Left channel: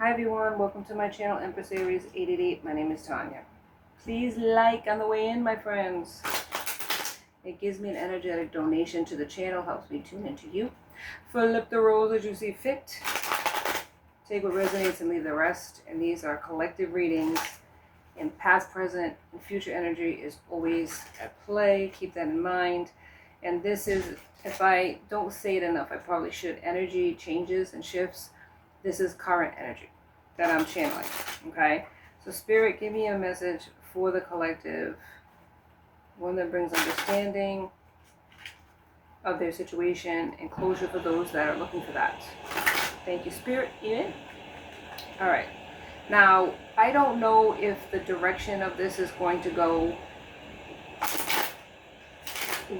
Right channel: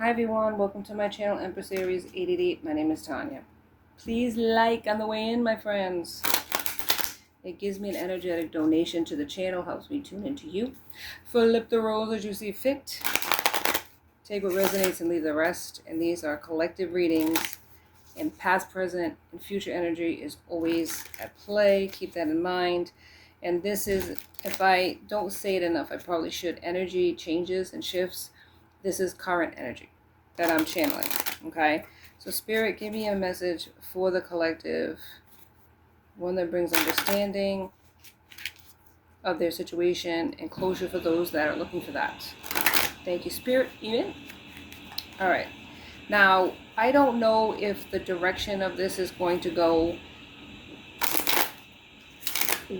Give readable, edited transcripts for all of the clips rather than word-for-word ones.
Hi everyone, welcome to my channel, Empress Aries 888. My name is Tanya. Please like on the way in, my friends. It gives me an energetic donation to the channel, helps me tune into you. Flip the roles as you see fit. Take what resonates and leave the rest. And these are collective readings. And past, present, and future energy is always at play. Keep that in mind. And this is, if I don't say it enough, I probably should. Energy changes and shifts. This is current energy that I'm channeling, okay? So Spirit, give me a message for the collective, one that brings understanding of their situation and closure for those that are looking for that. Thank you, Spirit. Unit. All right. Now, I don't know if the direction of this is going to go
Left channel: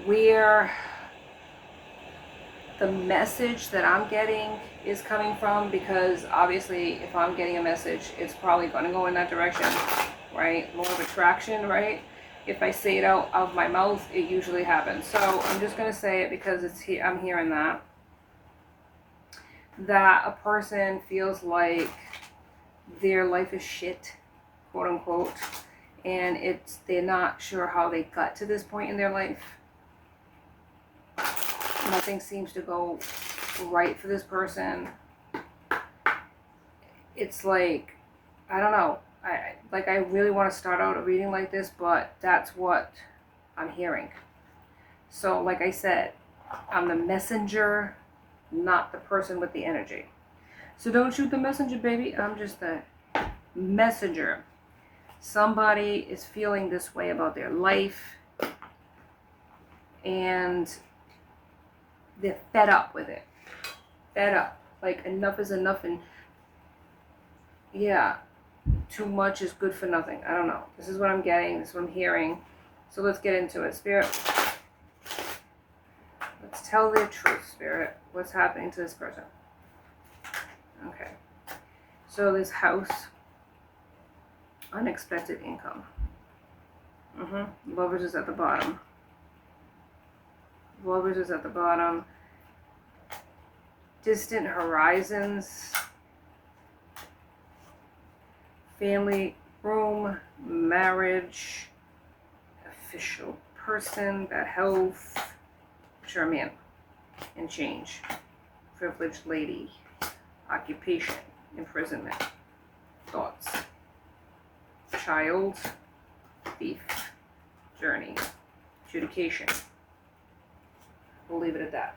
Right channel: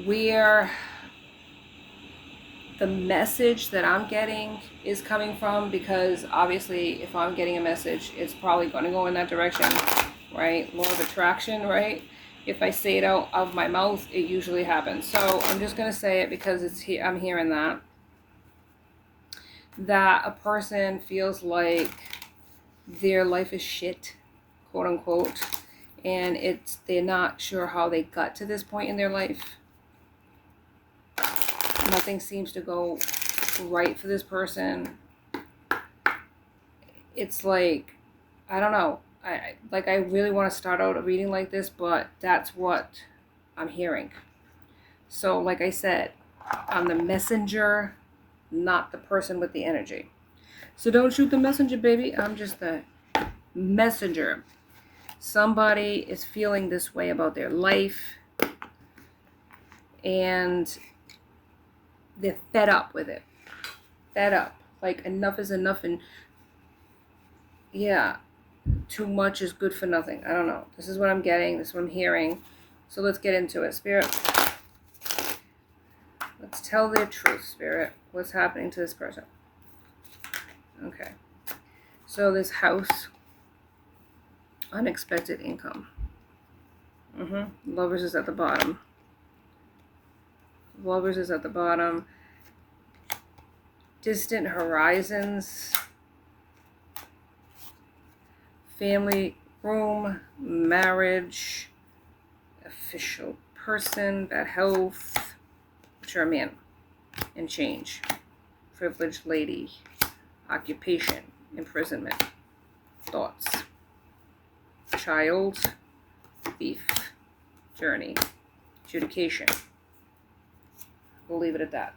where the message that I'm getting is coming from, because obviously if I'm getting a message, it's probably going to go in that direction, right? Law of attraction, right? If I say it out of my mouth, it usually happens. So I'm just going to say it because I'm hearing that a person feels like their life is shit, quote unquote, and they're not sure how they got to this point in their life. Nothing seems to go right for this person. It's like, I don't know. I really want to start out a reading like this, but that's what I'm hearing. So like I said, I'm the messenger, not the person with the energy. So don't shoot the messenger, baby. I'm just the messenger. Somebody is feeling this way about their life, and they're fed up with it. Fed up. Like, enough is enough, and yeah, too much is good for nothing. I don't know. This is what I'm getting. This is what I'm hearing. So let's get into it. Spirit, let's tell their truth, Spirit. What's happening to this person? Okay. So this house, unexpected income. Lovers is at the bottom. Lovers is at the bottom. Distant horizons. Family, room, marriage, official person, bad health, sure man, and change. Privileged lady, occupation, imprisonment, thoughts, child, thief, journey, adjudication. We'll leave it at that.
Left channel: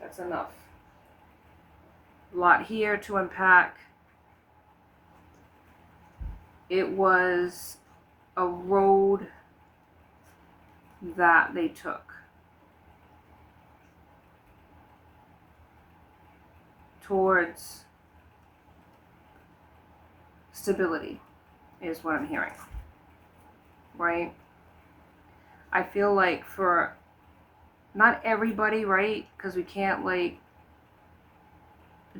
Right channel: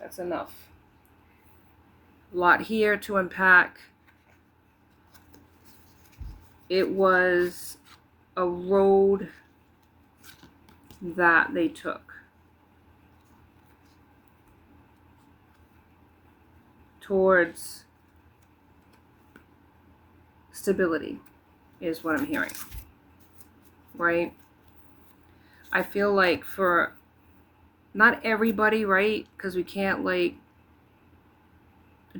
That's enough. A lot here to unpack. It was a road that they took towards stability, is what I'm hearing, right? I feel like for not everybody, right? Because we can't like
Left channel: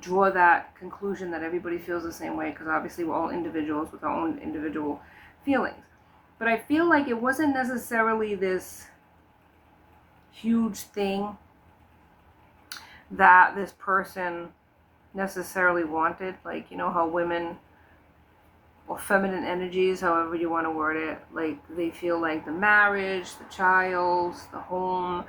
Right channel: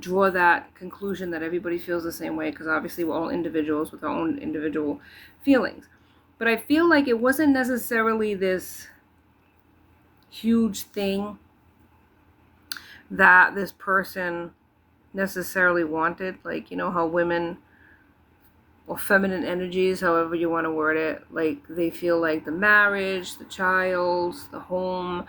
draw that conclusion that everybody feels the same way, because obviously we're all individuals with our own individual feelings. But I feel like it wasn't necessarily this huge thing that this person necessarily wanted. Like, you know how women, or feminine energies, however you want to word it, like they feel like the marriage, the child, the home,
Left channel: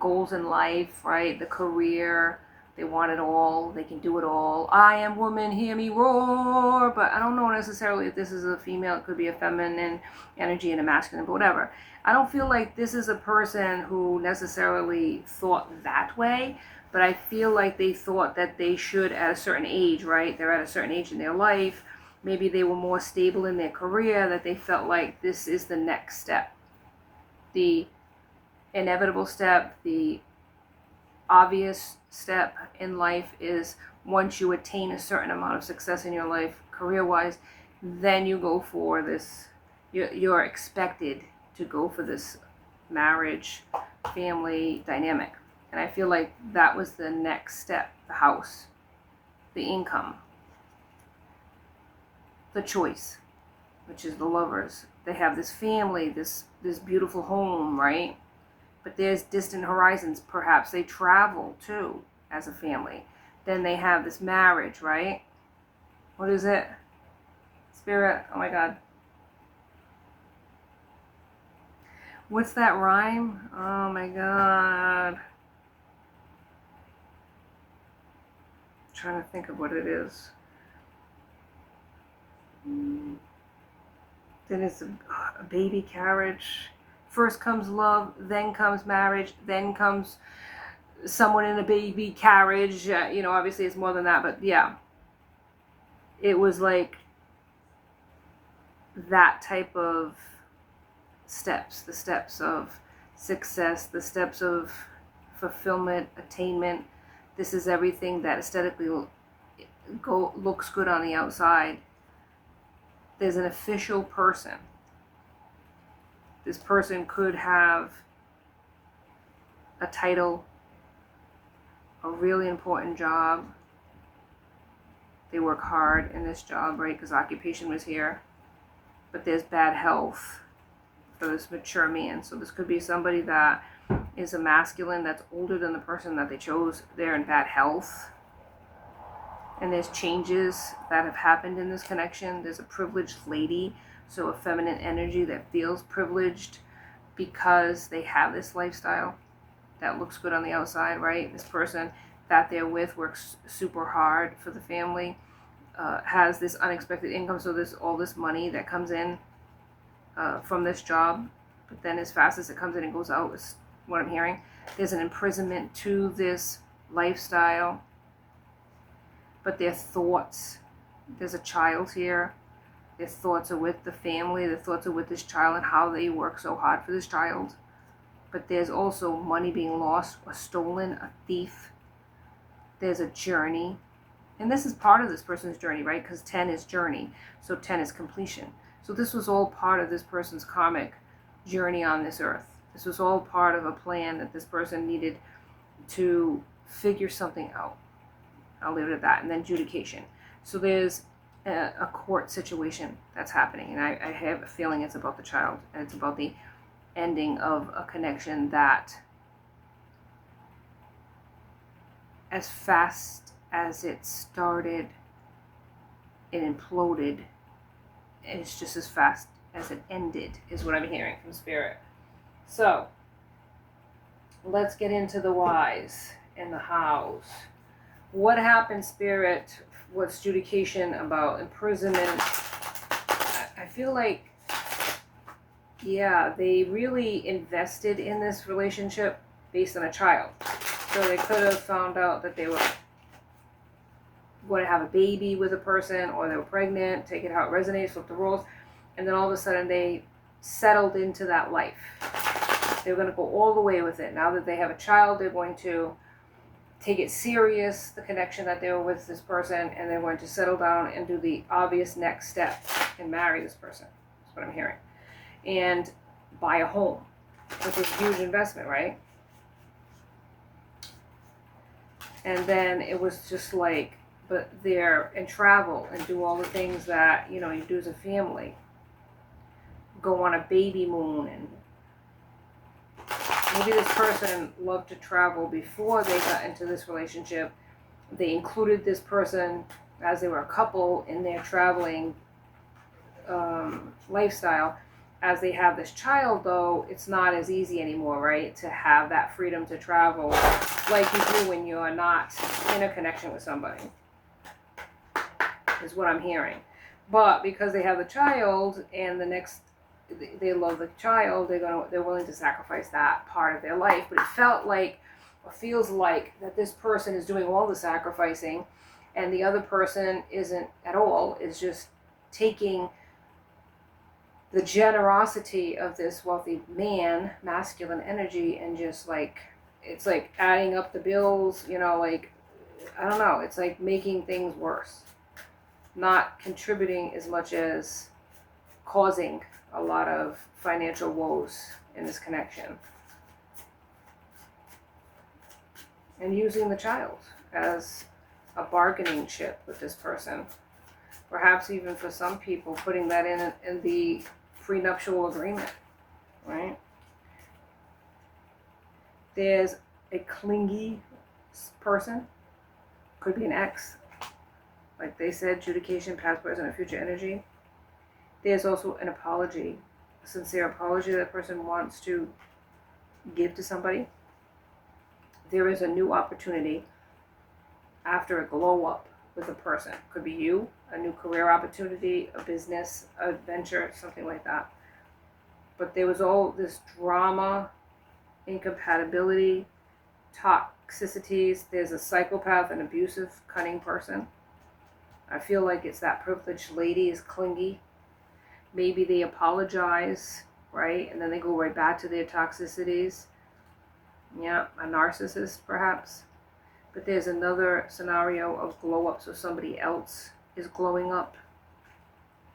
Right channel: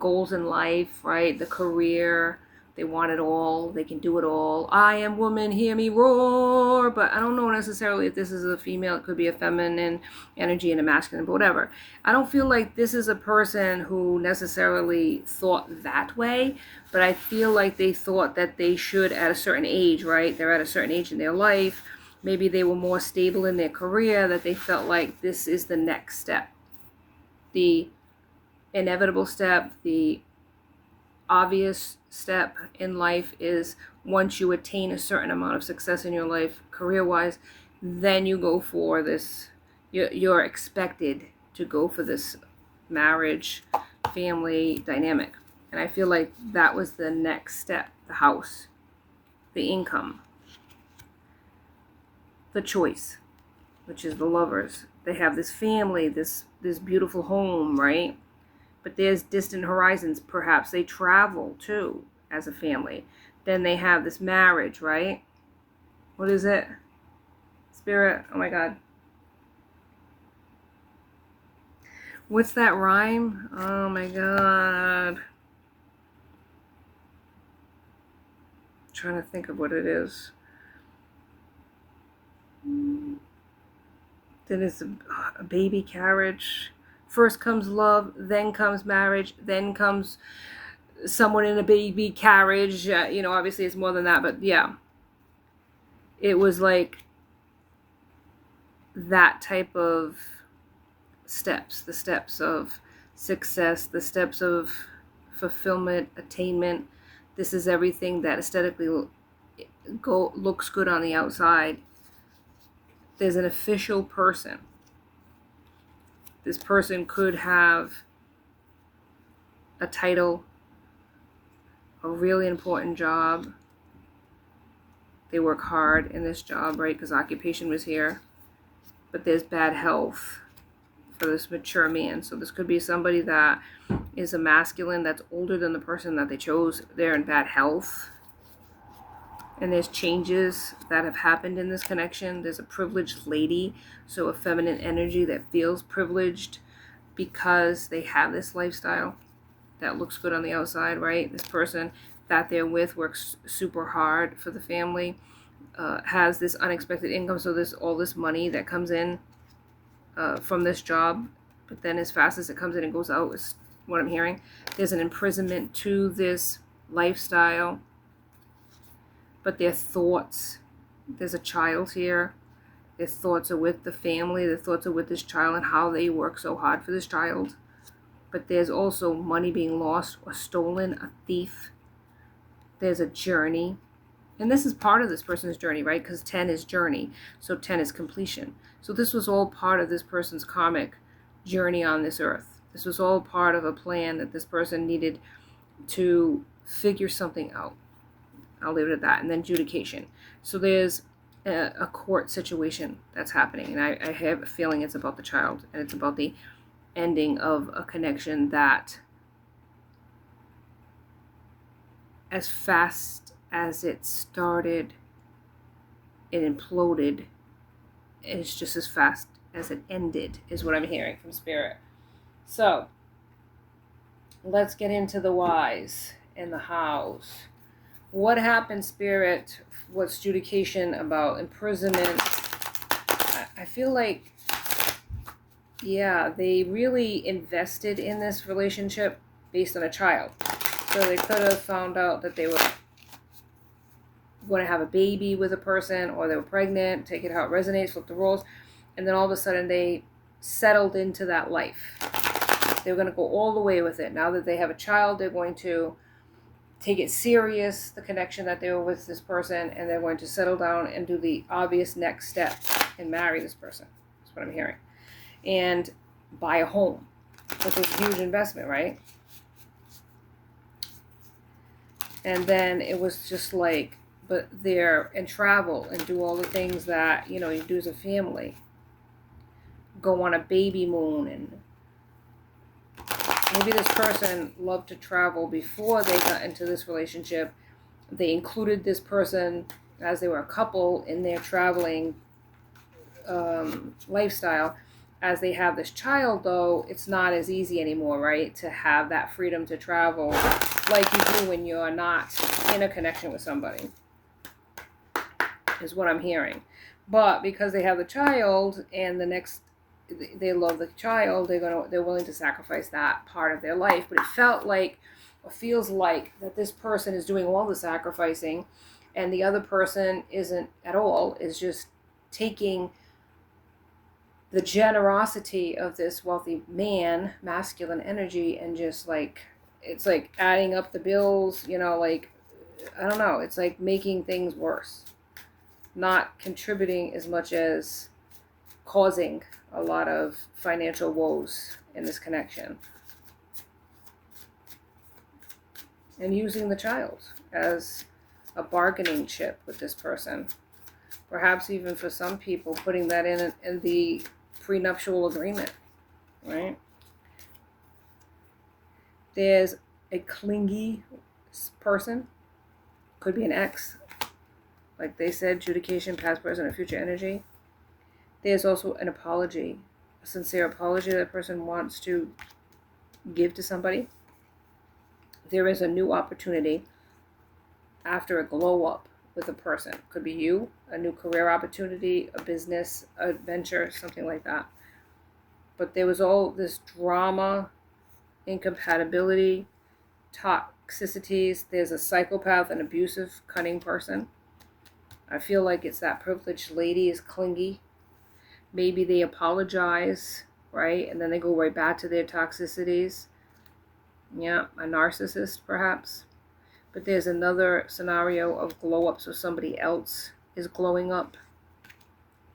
goals in life, right? The career, they want it all. They can do it all. I am woman, hear me roar. But I don't know necessarily if this is a female. It could be a feminine energy and a masculine, but whatever. I don't feel like this is a person who necessarily thought that way, but I feel like they thought that they should at a certain age, right? They're at a certain age in their life. Maybe they were more stable in their career, that they felt like this is the next step. The inevitable step, the obvious step in life is once you attain a certain amount of success in your life, career-wise, then you go for this, you're expected to go for this marriage, family dynamic. And I feel like that was the next step, the house, the income, the choice, which is the lovers. They have this family, this beautiful home, right? But there's distant horizons. Perhaps they travel too as a family. Then they have this marriage, right? What is it? Spirit. Oh my God. What's that rhyme? Oh my God. I'm trying to think of what it is. Then it's a baby carriage. First comes love, then comes marriage, then comes someone in a baby carriage. Obviously it's more than that, but yeah. It was like that type of steps, the steps of success, the steps of fulfillment, attainment. This is everything that aesthetically looks good on the outside. There's an official person. This person could have a title, a really important job. They work hard in this job, right? Because occupation was here. But there's bad health for this mature man. So this could be somebody that is a masculine that's older than the person that they chose. They're in bad health. And there's changes that have happened in this connection. There's a privileged lady, so a feminine energy that feels privileged because they have this lifestyle that looks good on the outside, right? This person that they're with works super hard for the family, has this unexpected income, so there's all this money that comes in from this job, but then as fast as it comes in, it goes out, is what I'm hearing. There's an imprisonment to this lifestyle, but their thoughts, there's a child here, their thoughts are with the family, their thoughts are with this child and how they work so hard for this child. But there's also money being lost or stolen, a thief. There's a journey. And this is part of this person's journey, right? Because 10 is journey. So 10 is completion. So this was all part of this person's karmic journey on this earth. This was all part of a plan that this person needed to figure something out. I'll leave it at that. And then adjudication. So there's a court situation that's happening. And I have a feeling it's about the child. And it's about the ending of a connection that, as fast as it started, it imploded. And it's just as fast as it ended, is what I'm hearing from Spirit. So let's get into the whys and the hows. What happened, Spirit? What's adjudication about? Imprisonment. I feel like, yeah, they really invested in this relationship based on a child. So they could have found out that they were going to have a baby with a person, or they were pregnant, take it how it resonates, flip the roles, and then all of a sudden they settled into that life. They were going to go all the way with it. Now that they have a child, they're going to take it serious, the connection that they were with this person, and they're going to settle down and do the obvious next step and marry this person. That's what I'm hearing. And buy a home, which is a huge investment, right? And then it was just like, but there, and travel and do all the things that, you do as a family. Go on a baby moon, and maybe this person loved to travel before they got into this relationship. They included this person as they were a couple in their traveling lifestyle. As they have this child, though, it's not as easy anymore, right? To have that freedom to travel like you do when you're not in a connection with somebody, is what I'm hearing. But because they have the child and they love the child, they're willing to sacrifice that part of their life. But it felt like, or feels like, that this person is doing all the sacrificing and the other person isn't at all, is just taking the generosity of this wealthy man, masculine energy, and just like, it's like adding up the bills, like, I don't know, it's like making things worse, not contributing as much as causing a lot of financial woes in this connection. And using the child as a bargaining chip with this person. Perhaps even for some people, putting that in the prenuptial agreement, right? There's a clingy person, could be an ex, Like they said, adjudication, past, present, and future energy. There's also an apology, a sincere apology that a person wants to give to somebody. There is a new opportunity after a glow up with a person. Could be you, a new career opportunity, a business adventure, something like that. But there was all this drama, incompatibility, toxicities. There's a psychopath, an abusive, cunning person. I feel like it's that privileged lady is clingy. Maybe they apologize, right? And then they go right back to their toxicities. Yeah, a narcissist perhaps. But there's another scenario of glow up, so somebody else is glowing up.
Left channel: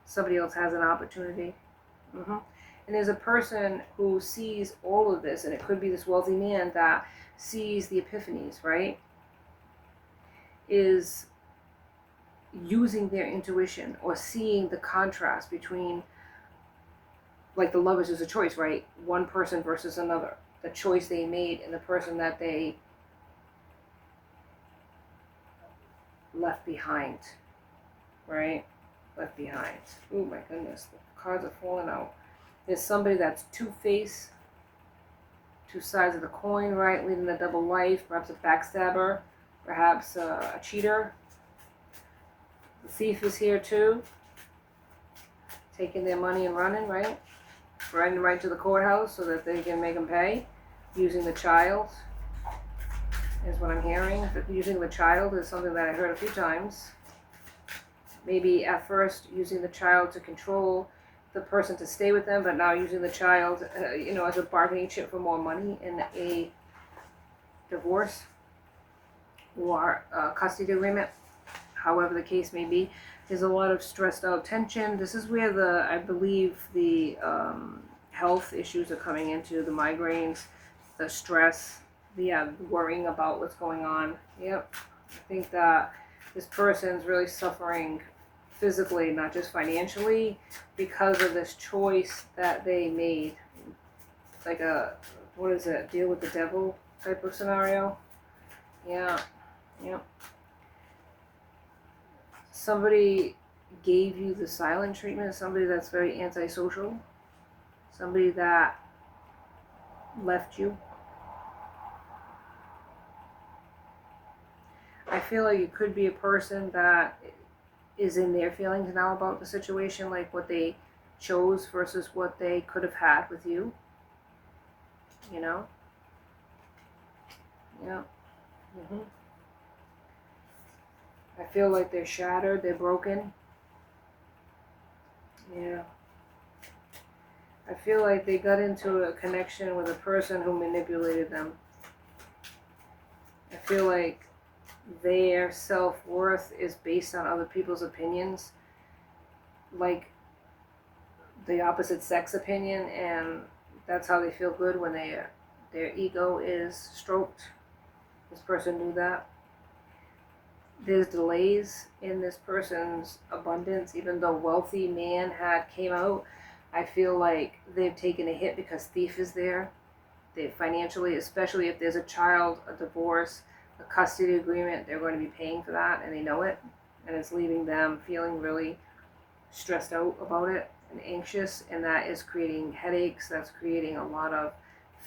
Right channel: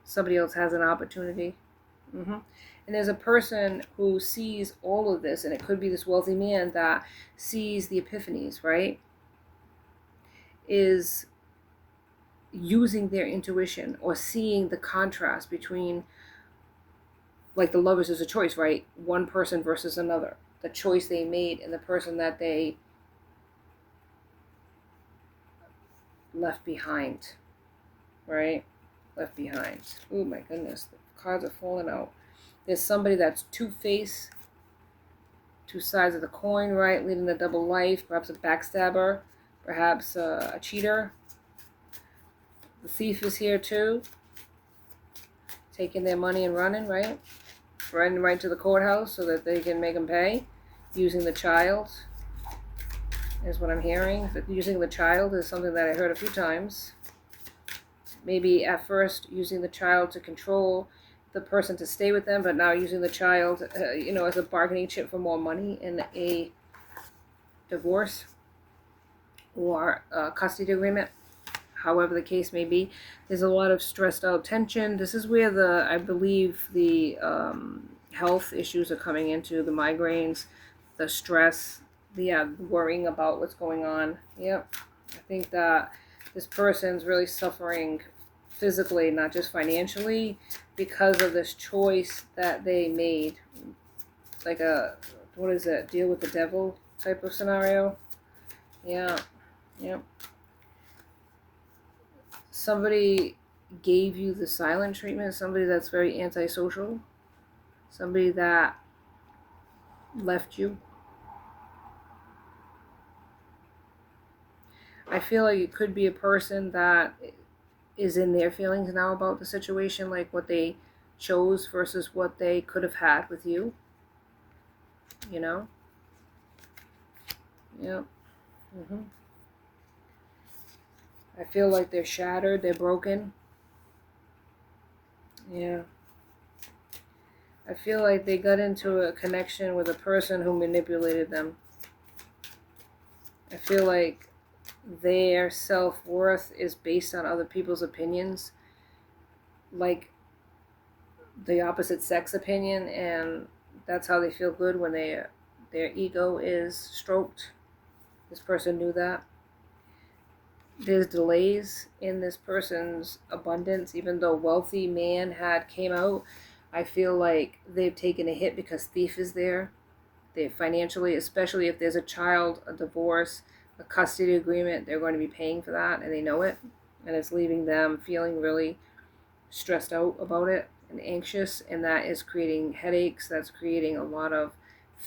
Somebody else has an opportunity. And there's a person who sees all of this, and it could be this wealthy man that sees the epiphanies, right? Is using their intuition or seeing the contrast between, like the lovers is a choice, right? One person versus another. The choice they made and the person that they left behind, right? Left behind. Oh my goodness, the cards are falling out. There's somebody that's two-faced, two sides of the coin, right? Leading a double life, perhaps a backstabber, perhaps a cheater. The thief is here too, taking their money and running, right? Running right to the courthouse so that they can make them pay. Using the child is what I'm hearing. But using the child is something that I heard a few times. Maybe at first using the child to control the person to stay with them, but now using the child, as a bargaining chip for more money in a divorce or a custody agreement. However the case may be, there's a lot of stressed out tension. This is where I believe the health issues are coming into, the migraines, the stress, the worrying about what's going on. Yep, I think that this person's really suffering physically, not just financially, because of this choice that they made. Like what is it, deal with the devil type of scenario. Yeah. Somebody gave you the silent treatment, somebody that's very antisocial, somebody that left you. I feel like it could be a person that is in their feelings now about the situation, like what they chose versus what they could have had with you. Yeah. I feel like they're shattered, they're broken. Yeah. I feel like they got into a connection with a person who manipulated them. I feel like their self-worth is based on other people's opinions, like the opposite sex opinion, and that's how they feel good when their ego is stroked. This person knew that. There's delays in this person's abundance, even though wealthy man came out. I feel like they've taken a hit because thief is there. They financially, especially if there's a child, a divorce, a custody agreement, they're going to be paying for that, and they know it, and it's leaving them feeling really stressed out about it and anxious, and that is creating headaches. That's creating a lot of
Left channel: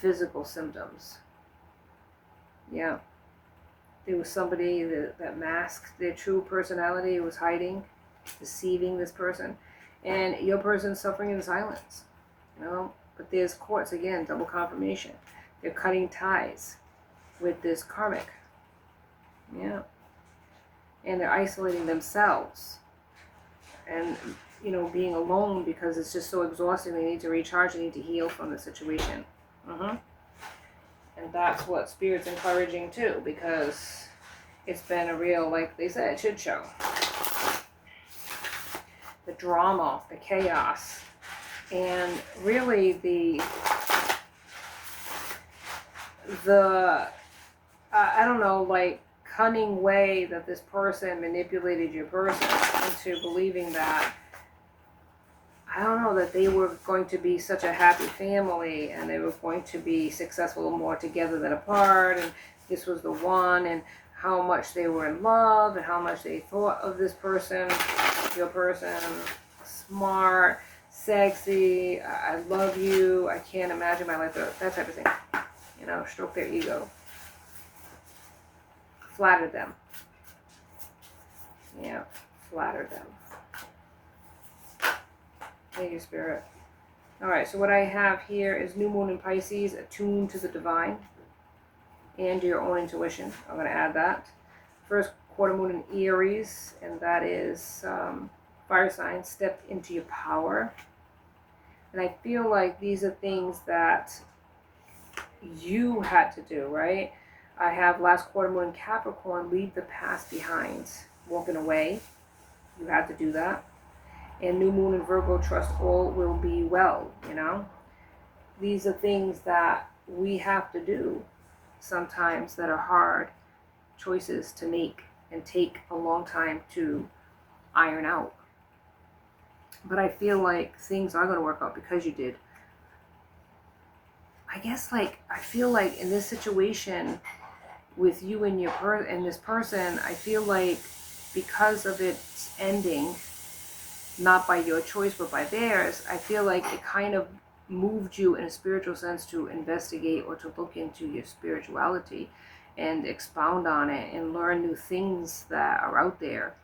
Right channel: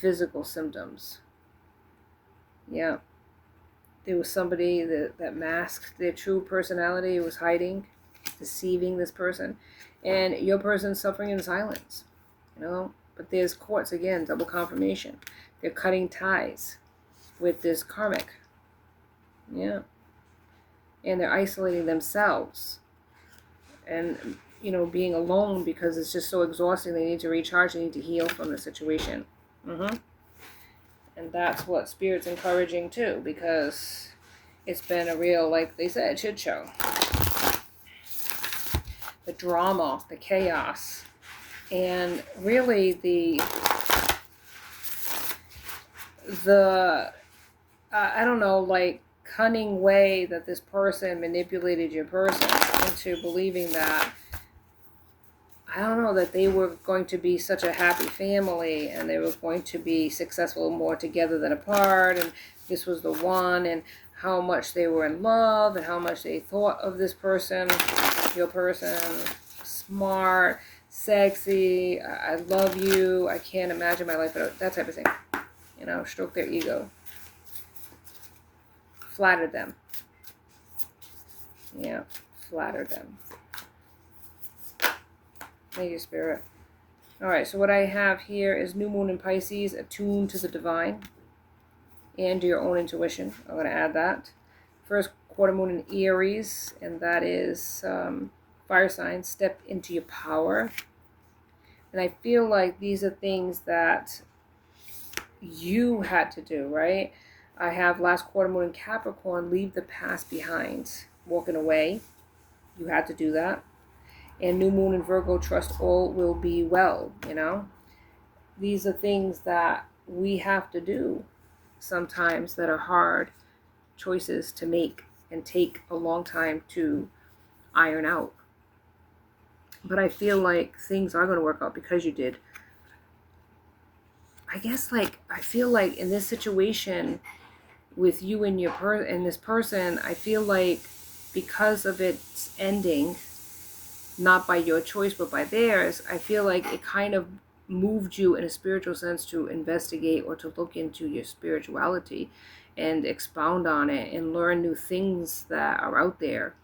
physical symptoms. Yeah. There was somebody that masked their true personality, was hiding, deceiving this person, and your person's suffering in silence, But there's courts, again, double confirmation. They're cutting ties with this karmic. Yeah. And they're isolating themselves and, being alone because it's just so exhausting. They need to recharge, they need to heal from the situation. And that's what Spirit's encouraging too, because it's been a real, like they said, shit show. The drama, the chaos, and really the I don't know, like cunning way that this person manipulated your person into believing that, I don't know, that they were going to be such a happy family and they were going to be successful more together than apart, and this was the one, and how much they were in love and how much they thought of this person, your person. Smart, sexy, I love you, I can't imagine my life without, that type of thing. You know, stroke their ego. Flatter them. Yeah, flatter them. Thank you, Spirit. Alright, so what I have here is New Moon in Pisces, attuned to the divine and to your own intuition. I'm going to add that. First quarter moon in Aries, and that is fire sign, step into your power. And I feel like these are things that you had to do, right? I have last quarter moon in Capricorn, leave the past behind, walking away. You had to do that. And new moon in Virgo, trust all will be well, you know? These are things that we have to do sometimes that are hard choices to make and take a long time to iron out. But I feel like things are going to work out because you did. I guess, like, I feel like in this situation with you and and this person, I feel like because of its ending, not by your choice but by theirs, I feel like it kind of moved you in a spiritual sense to investigate or to look into your spirituality and expound on it and learn new things that are out there.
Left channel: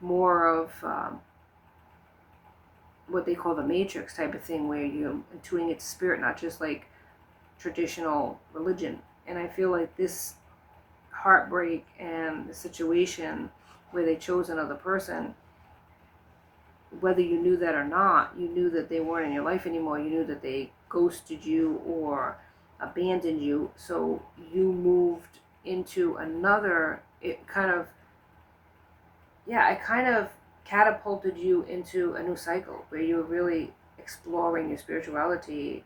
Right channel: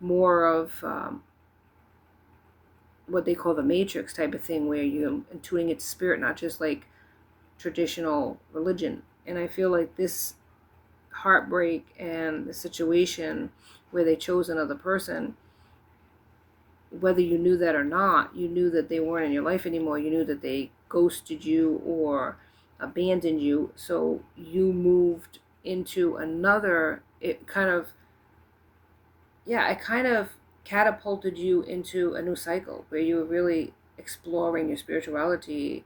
More of what they call the matrix type of thing, where you're intuiting its spirit, not just like traditional religion. And I feel like this heartbreak and the situation where they chose another person, whether you knew that or not, you knew that they weren't in your life anymore. You knew that they ghosted you or abandoned you. So you moved into another, it kind of catapulted you into a new cycle where you were really exploring your spirituality,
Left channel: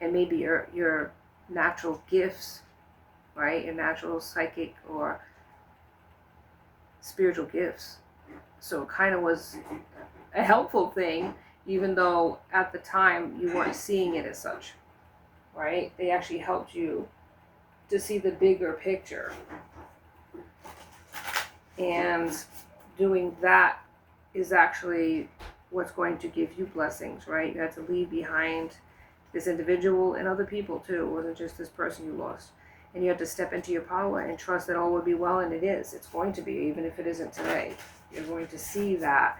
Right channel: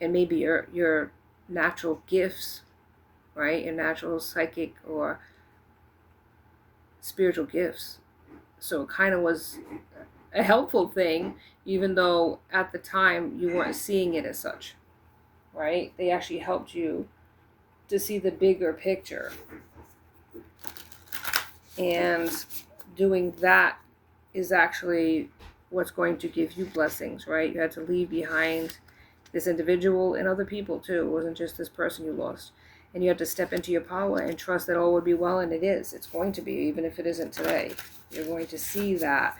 and maybe your natural gifts, right? Your natural psychic or spiritual gifts. So it kind of was a helpful thing, even though at the time you weren't seeing it as such, right? They actually helped you to see the bigger picture. And doing that is actually what's going to give you blessings, right? You had to leave behind this individual and other people too. It wasn't just this person you lost. And you have to step into your power and trust that all would be well, and it is. It's going to be, even if it isn't today. You're going to see that.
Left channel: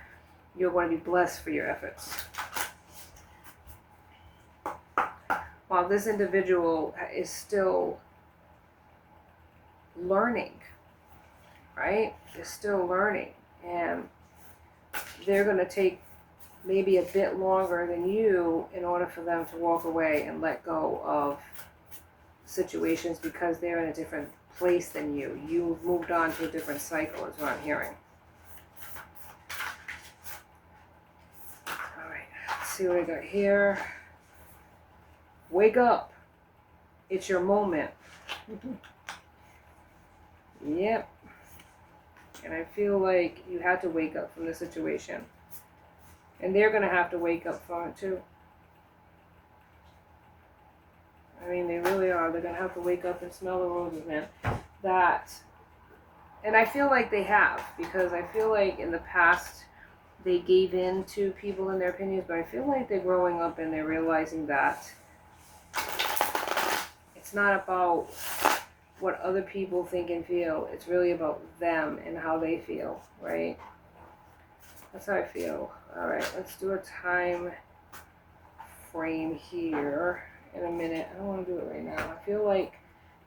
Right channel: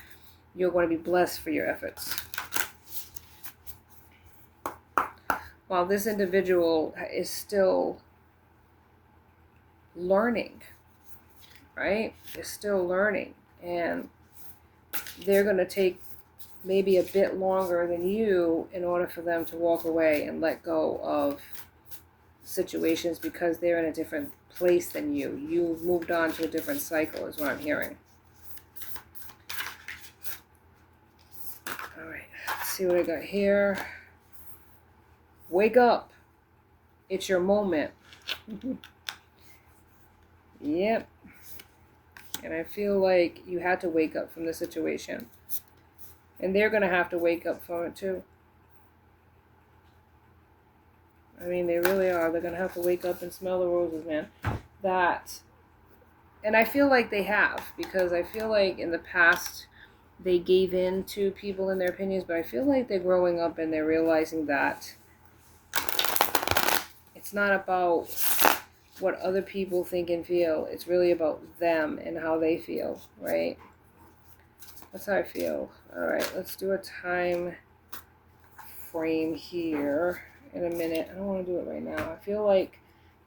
You're going to be blessed for your efforts. While this individual is still learning, right? They're still learning. And they're going to take maybe a bit longer than you in order for them to walk away and let go of situations, because they're in a different place than you. You've moved on to a different cycle is what I'm hearing. All right, let's see what I got here. Wake up. It's your moment. Yep. And I feel like you had to wake up from the situation. And they're going to have to wake up from it too. I mean, they really are. They're going to have to wake up and smell the roses, man. And I feel like they have, because I feel like in the past they gave in to people and their opinions, but I feel like they're growing up and they're realizing that it's not about what other people think and feel. It's really about them and how they feel, right? That's how I feel. All right, let's do a time frame here in a minute. I don't want to do it right now. I feel like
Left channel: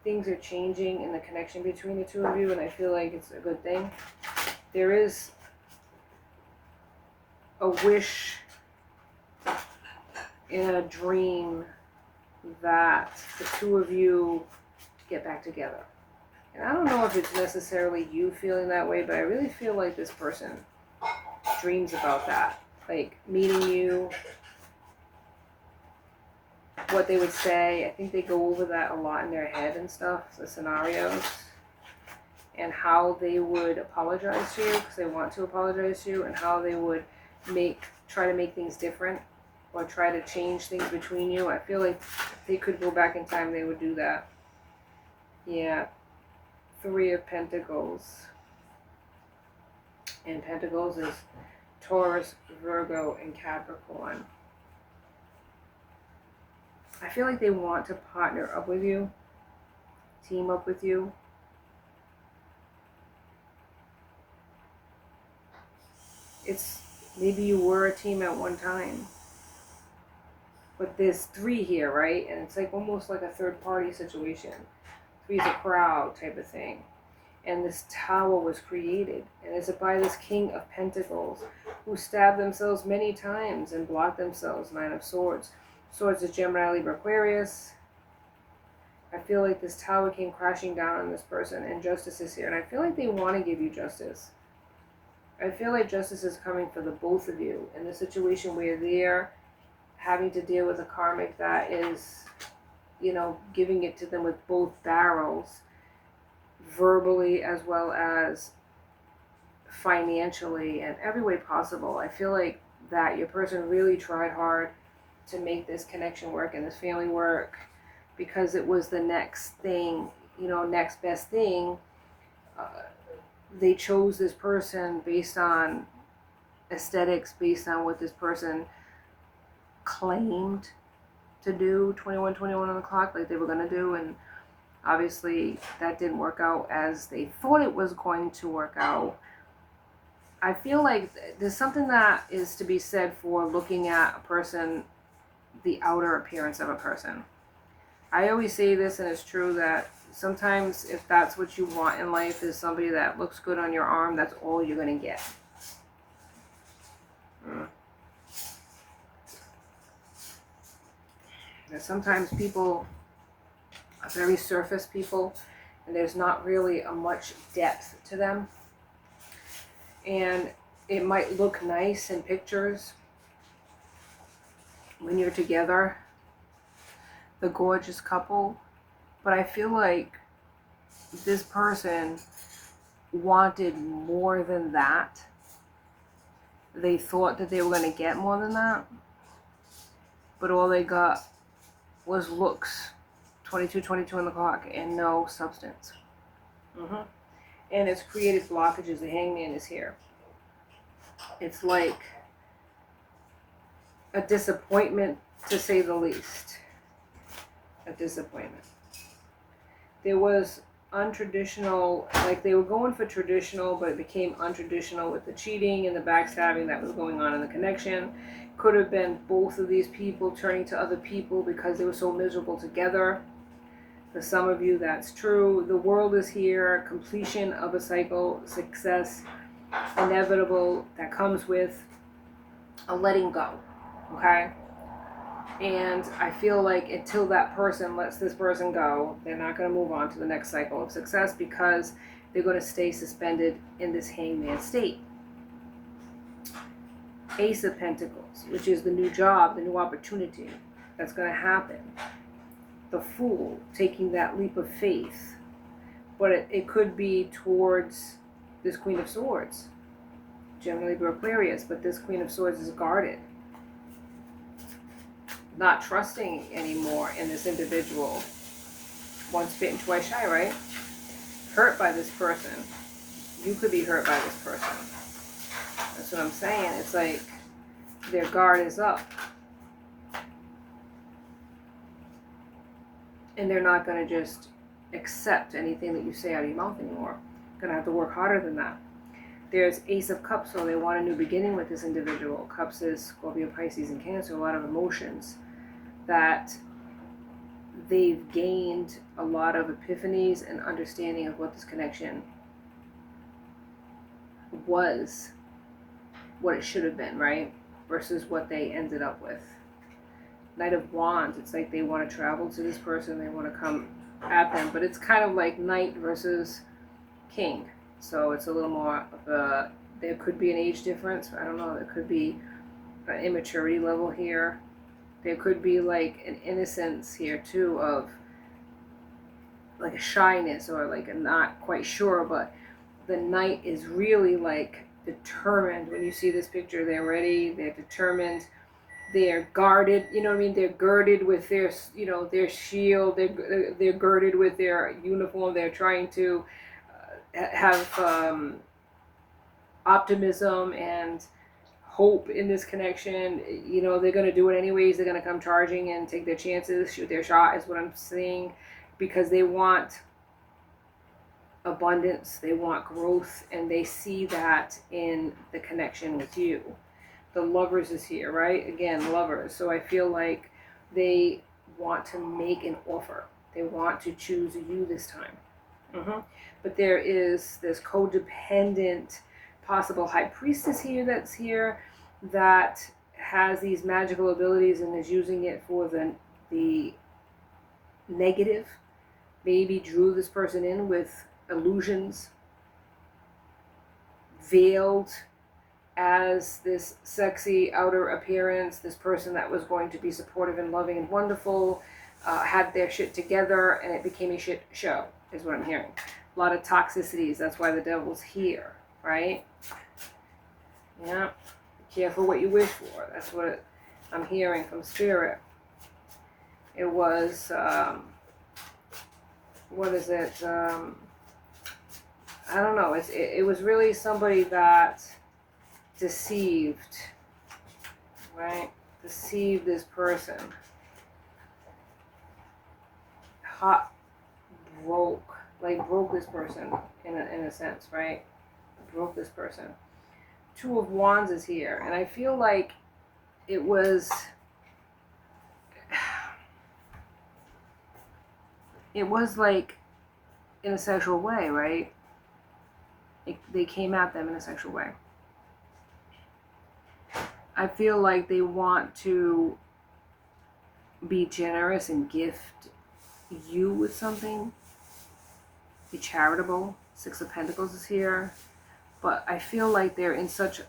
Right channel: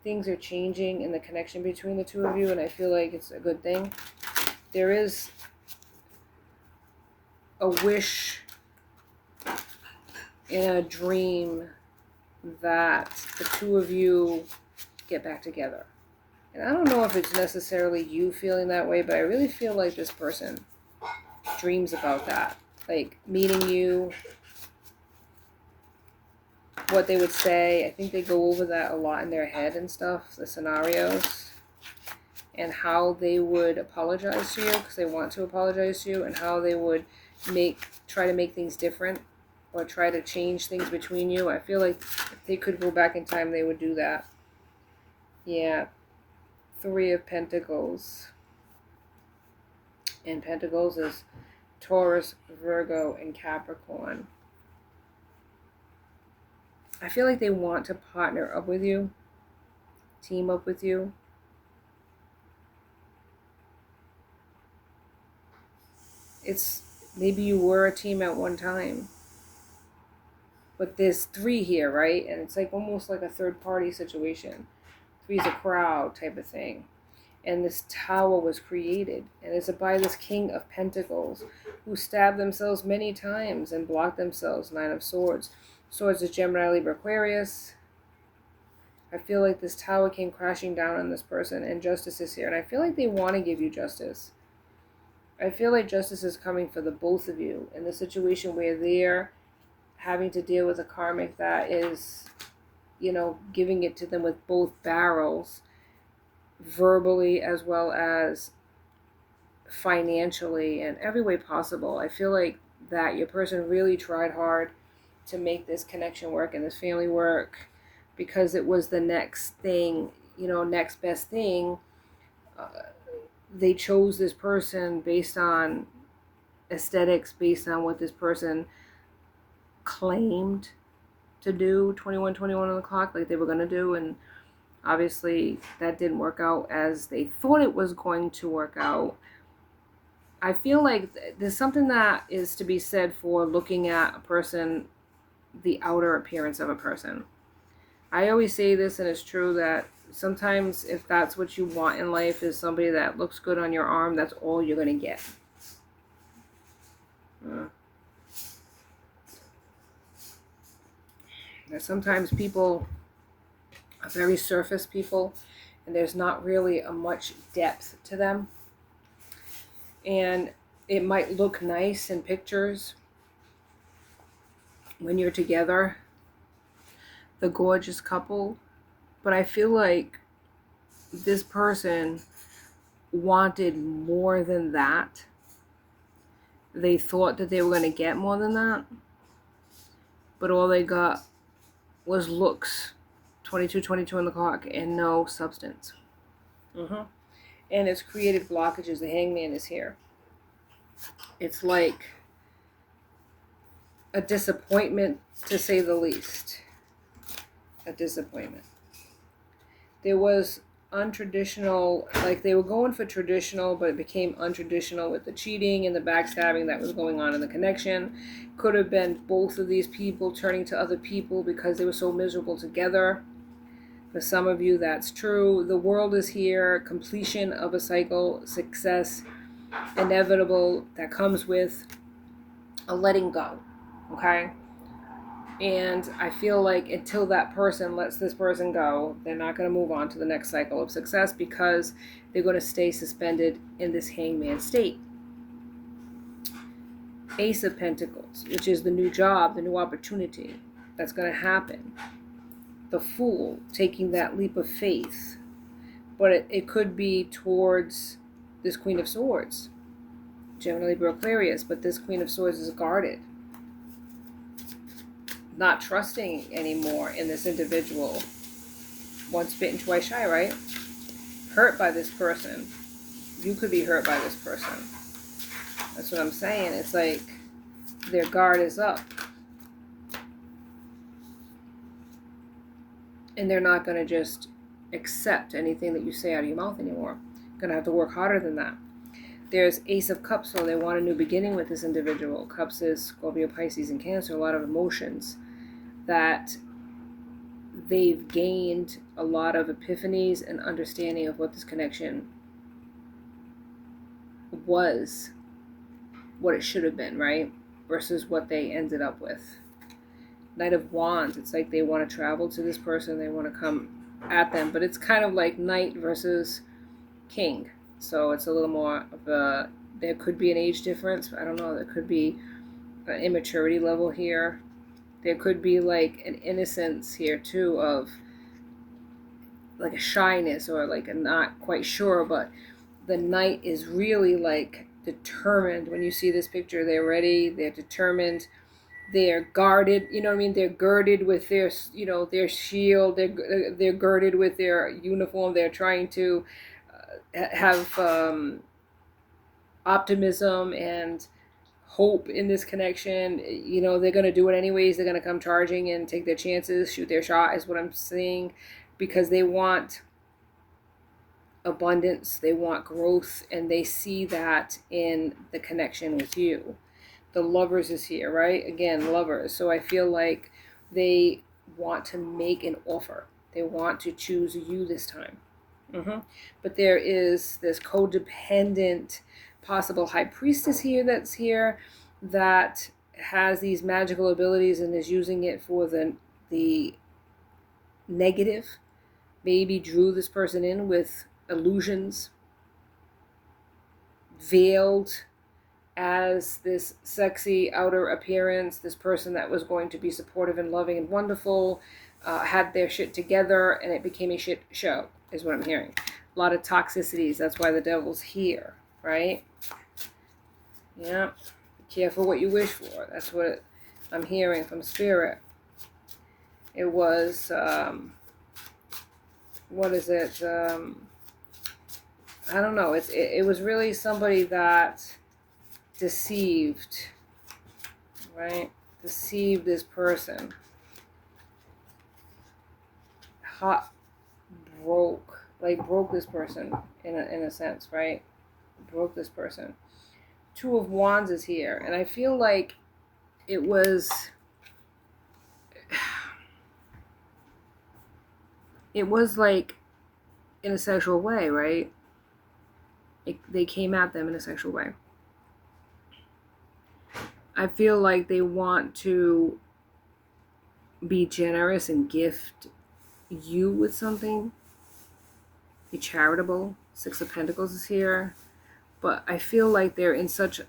things are changing in the connection between the two of you, and I feel like it's a good thing. There is a wish in a dream that the two of you get back together. And I don't know if it's necessarily you feeling that way, but I really feel like this person dreams about that. Like meeting you, what they would say. I think they go over that a lot in their head and stuff, the scenarios, and how they would apologize to you, because they want to apologize to you, and how they would try to make things different or try to change things between you. I feel like if they could go back in time, they would do that. Yeah. Three of Pentacles. And Pentacles is Taurus, Virgo, and Capricorn. I feel like they want to partner up with you, team up with you. It's maybe you were a team at one time. But there's three here, right? And it's like almost like a third party situation. Three's a crowd type of thing. And this tower was created. And it's by this King of Pentacles who stabbed themselves many times and blocked themselves. Nine of Swords. Swords is Gemini, Libra, Aquarius. I feel like this tower came crashing down on this person and justice is here. And I feel like they want to give you justice. I feel like justice is coming for the both of you in the situation where they're having to deal with a karmic that is, you know, giving it to them with both barrels, verbally as well as financially and every way possible. I feel like that your person really tried hard to make this connection work and this family work because it was the next thing, you know, next best thing. They chose this person based on aesthetics, based on what this person claimed to do 21 on the clock, like they were going to do, and obviously that didn't work out as they thought it was going to work out. I feel like there's something that is to be said for looking at a person, the outer appearance of a person. I always say this, and it's true, that sometimes if that's what you want in life is somebody that looks good on your arm, that's all you're going to get. Sometimes people are very surface people and there's not really a much depth to them. And it might look nice in pictures when you're together, the gorgeous couple, but I feel like this person wanted more than that. They thought that they were going to get more than that, but all they got was looks, 22 on the clock, and no substance. And it's created blockages. The Hangman is here. It's like a disappointment, to say the least. A disappointment. There was untraditional, like they were going for traditional, but it became untraditional with the cheating and the backstabbing that was going on in the connection. Could have been both of these people turning to other people because they were so miserable together. For some of you, that's true. The world is here, completion of a cycle, success, inevitable, that comes with a letting go, okay? And I feel like until that person lets this person go, they're not going to move on to the next cycle of success because they're going to stay suspended in this hangman state. Ace of Pentacles, which is the new job, the new opportunity that's going to happen. The Fool, taking that leap of faith. But it could be towards this Queen of Swords. Gemini, Libra, Aquarius, but this Queen of Swords is guarded. Not trusting anymore in this individual. Once bitten, twice shy, right? Hurt by this person. You could be hurt by this person. That's what I'm saying. It's like their guard is up. And they're not going to just accept anything that you say out of your mouth anymore. Going to have to work harder than that. There's Ace of Cups, so they want a new beginning with this individual. Cups is Scorpio, Pisces, and Cancer. A lot of emotions that they've gained, a lot of epiphanies and understanding of what this connection was, what it should have been, right? Versus what they ended up with. Knight of Wands, it's like they want to travel to this person, they want to come at them, but it's kind of like Knight versus King. So it's a little more of a, there could be an age difference, I don't know, there could be an immaturity level here. There could be like an innocence here too of like a shyness or like a not quite sure, but the Knight is really like determined. When you see this picture, they're ready, they're determined, they're guarded, you know what I mean? They're girded with their, you know, their shield, they're girded with their uniform, they're trying to have optimism and hope in this connection. You know, they're going to do it anyways. They're going to come charging and take their chances, shoot their shot, is what I'm seeing, because they want abundance, they want growth, and they see that in the connection with you. The lovers is here, right? Again, lovers. So I feel like they want to make an offer. They want to choose you this time. But there is this codependent possible high priestess here that's here that has these magical abilities and is using it for the negative. Maybe drew this person in with illusions, veiled as this sexy outer appearance, this person that was going to be supportive and loving and wonderful, had their shit together, and it became a shit show, is what I'm hearing. A lot of toxicities. That's why the devil's here, right? Yeah. Be careful what you wish for. That's what I'm hearing from spirit. It was, what is it? I don't know. It was really somebody that deceived, right? Deceived this person. Hot broke, like broke this person in a sense, right? Broke this person. Two of Wands is here, and I feel like it was like in a sexual way, right? They came at them in a sexual way. I feel like they want to be generous and gift you with something. Be charitable. Six of Pentacles is here. But I feel like they're in such,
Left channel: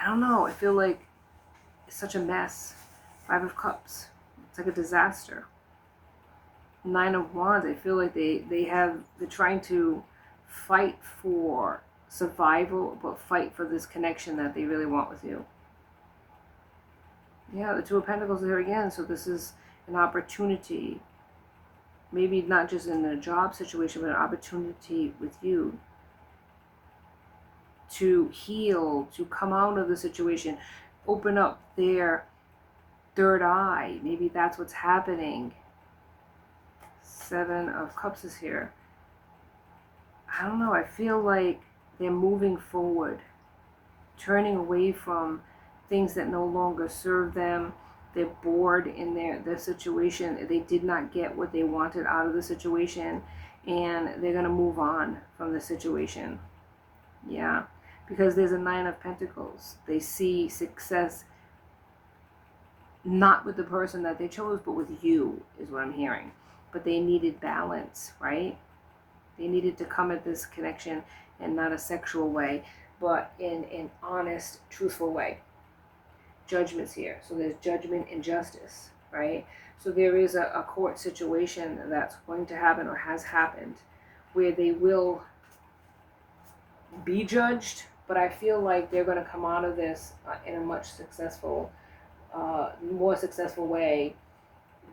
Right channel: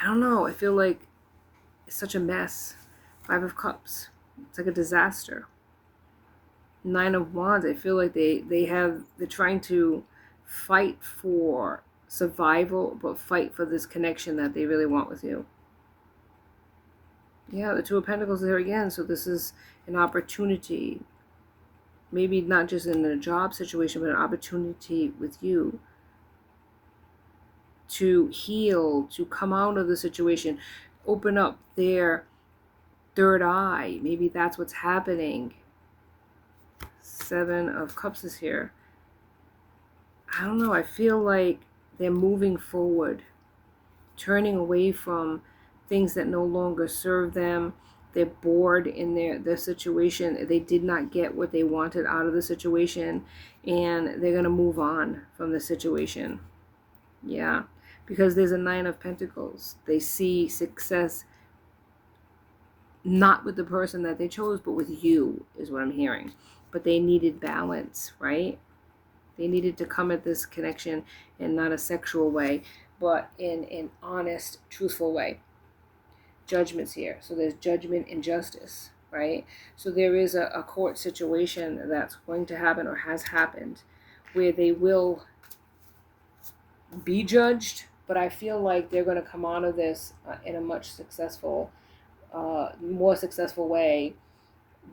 I don't know, I feel like it's such a mess. Five of Cups. It's like a disaster. Nine of Wands. I feel like they're trying to fight for survival, but fight for this connection that they really want with you. Yeah, the Two of Pentacles is here again. So this is an opportunity. Maybe not just in a job situation, but an opportunity with you to heal, to come out of the situation, open up their third eye. Maybe that's what's happening. Seven of Cups is here. I don't know. I feel like they're moving forward, turning away from things that no longer serve them. They're bored in their situation. They did not get what they wanted out of the situation, and they're going to move on from the situation. Yeah, because there's a Nine of Pentacles. They see success not with the person that they chose, but with you, is what I'm hearing. But they needed balance, right? They needed to come at this connection in not a sexual way, but in an honest, truthful way. Judgment's here. So there's judgment and justice, right? So there is a court situation that's going to happen or has happened where they will be judged, but I feel like they're going to come out of this in a much more successful way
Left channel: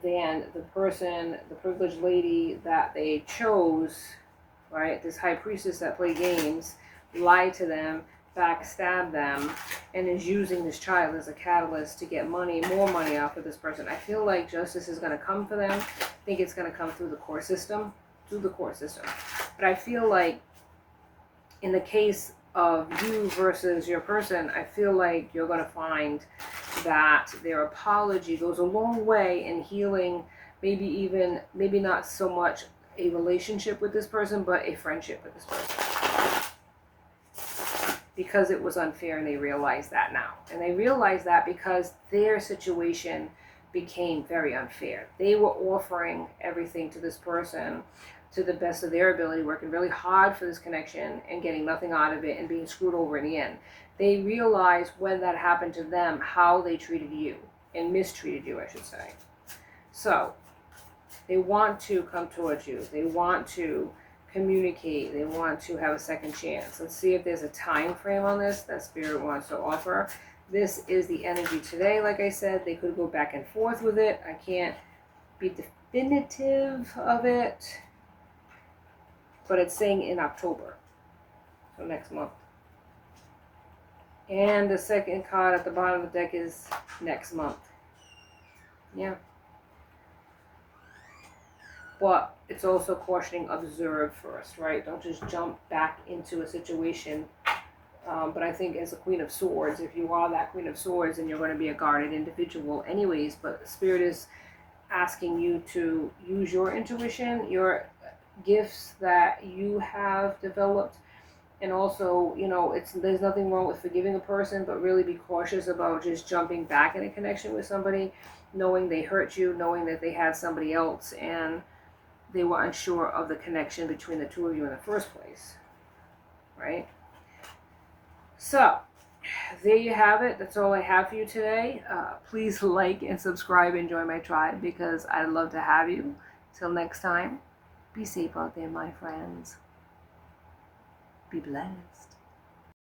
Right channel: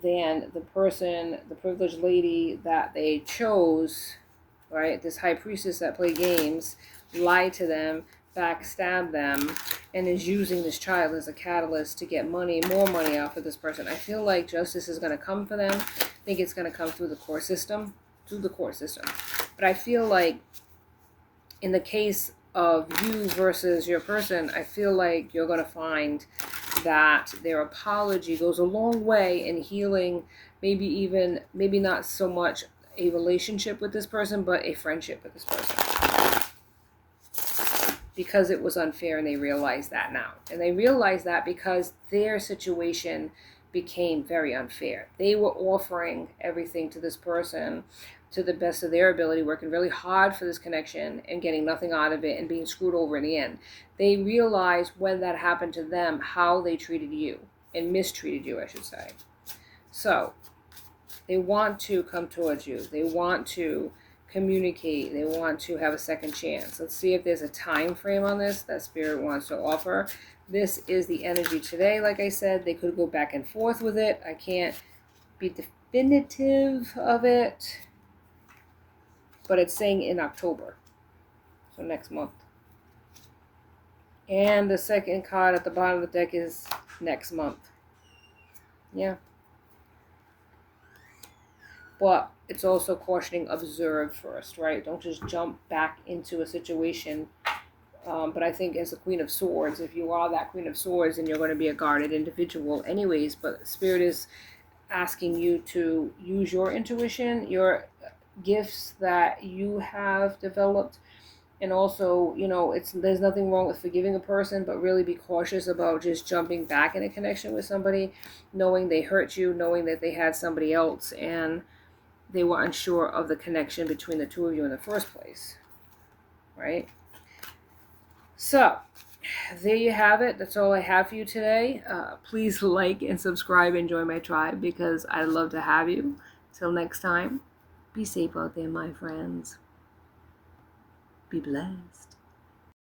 than the person, the privileged lady that they chose, right? This high priestess that play games, lied to them, backstab them, and is using this child as a catalyst to get money, more money out of this person. I feel like justice is going to come for them. I think it's going to come through the court system, But I feel like in the case of you versus your person, I feel like you're going to find that their apology goes a long way in healing, maybe not so much a relationship with this person, but a friendship with this person. Because it was unfair, and they realize that now. And they realize that because their situation became very unfair. They were offering everything to this person to the best of their ability, working really hard for this connection and getting nothing out of it and being screwed over in the end. They realized when that happened to them how they treated you, and mistreated you, I should say. So they want to come towards you. They want to communicate. They want to have a second chance. Let's see if there's a time frame on this that Spirit wants to offer. This is the energy today. Like I said, they could go back and forth with it. I can't be definitive of it. but it's saying in October, so next month. And the second card at the bottom of the deck is next month. Yeah. But it's also cautioning, observe first, right? Don't just jump back into a situation. But I think as a Queen of Swords, if you are that Queen of Swords, then you're going to be a guarded individual anyways. But Spirit is asking you to use your intuition, your gifts that you have developed. And also, there's nothing wrong with forgiving a person, but really be cautious about just jumping back in a connection with somebody, knowing they hurt you, knowing that they had somebody else, and they were unsure of the connection between the two of you in the first place, right? So, there you have it. That's all I have for you today. Please like and subscribe and join my tribe because I'd love to have you. Till next time, be safe out there, my friends. Be blessed.